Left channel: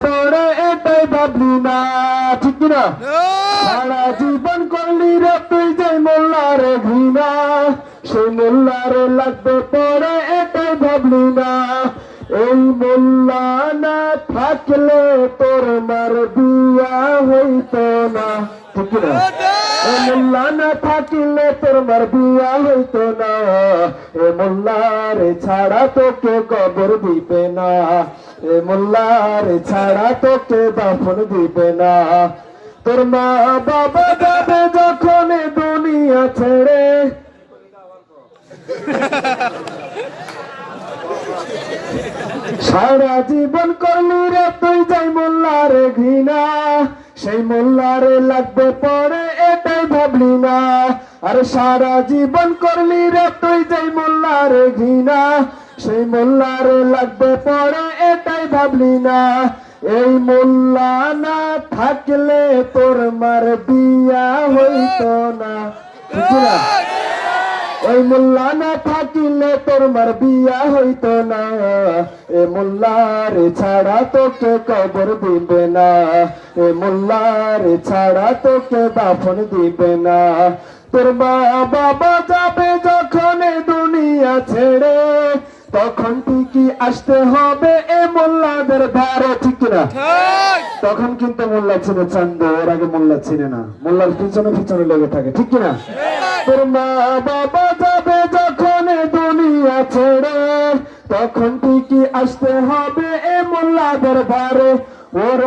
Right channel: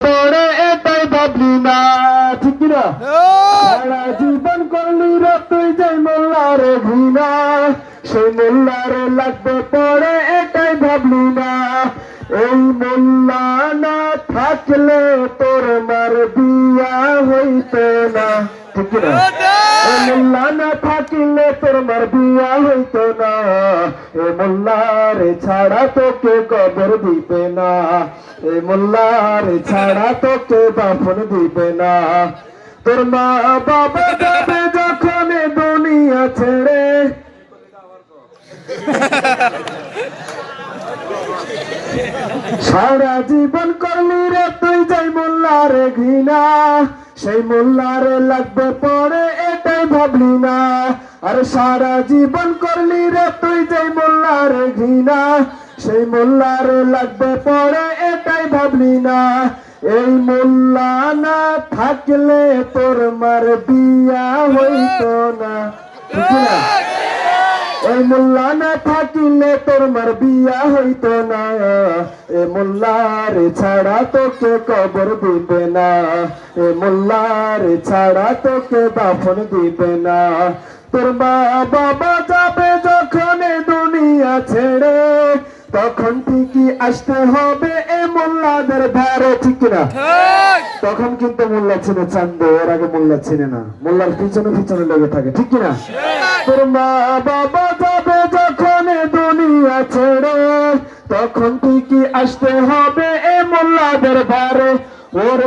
তোরে এটাই ভাবলি না, ঠিক কিনা? সারা জীবন করলি রে তুই যে মোল্লার ঘৃণা, সেই মোল্লারে লাগবে পরে এটাই ভাবলি না। এই মোল্লা না থাকলে তোর মার বিয়া হইতো না, ঠিক কিনা? এই মোল্লা না থাকিলে তোর মার বিয়া হইতো না। এ মোল্লারে ছাড়া তোকে কবর দিবে না, এ মোল্লারে ছাড়া তোকে দাফন দিবে না। তোর মা বাবা যাবে যখন দুনিয়া ছেড়ে, সারা জীবন করলি রে তুই যাই মোল্লারে ঘৃণা, সেই মোল্লারে লাগবে পরে এটাই ভাবলি না। আরে সারা জীবন করলি রে তুই যাই মোল্লারে ঘৃণা, সেই মোল্লারে লাগবে পরে এটাই ভাবলি না। এই মোল্লা না থাকলে তোর মার বিয়া হইতো না, ঠিক না? এই মোল্লা না থাকিলে তোর মার বিয়া হইতো না। এ মোল্লারে ছাড়া তোকে কবর দিবে না, এ মোল্লারে ছাড়া তোকে দাফন দিবে না। তোর মা বাবা যাবে যখন দুনিয়া ছেড়ে, তখন ঠিকই আসতে হবে এ মোল্লাদের ধারে, ঠিক না? তখন কিন্তু মোল্লা চিনে চান্দ, ওর আগে মোল্লা চিনে না, মোল্লার পিছনে পিছনে লেগে থাকে, ঠিক কিনা? তোর মা বাবা যাবে যখন দুনিয়া ছেড়ে, তখন ঠিকই আসতে হবে এ মোল্লাদের ধারে। ওর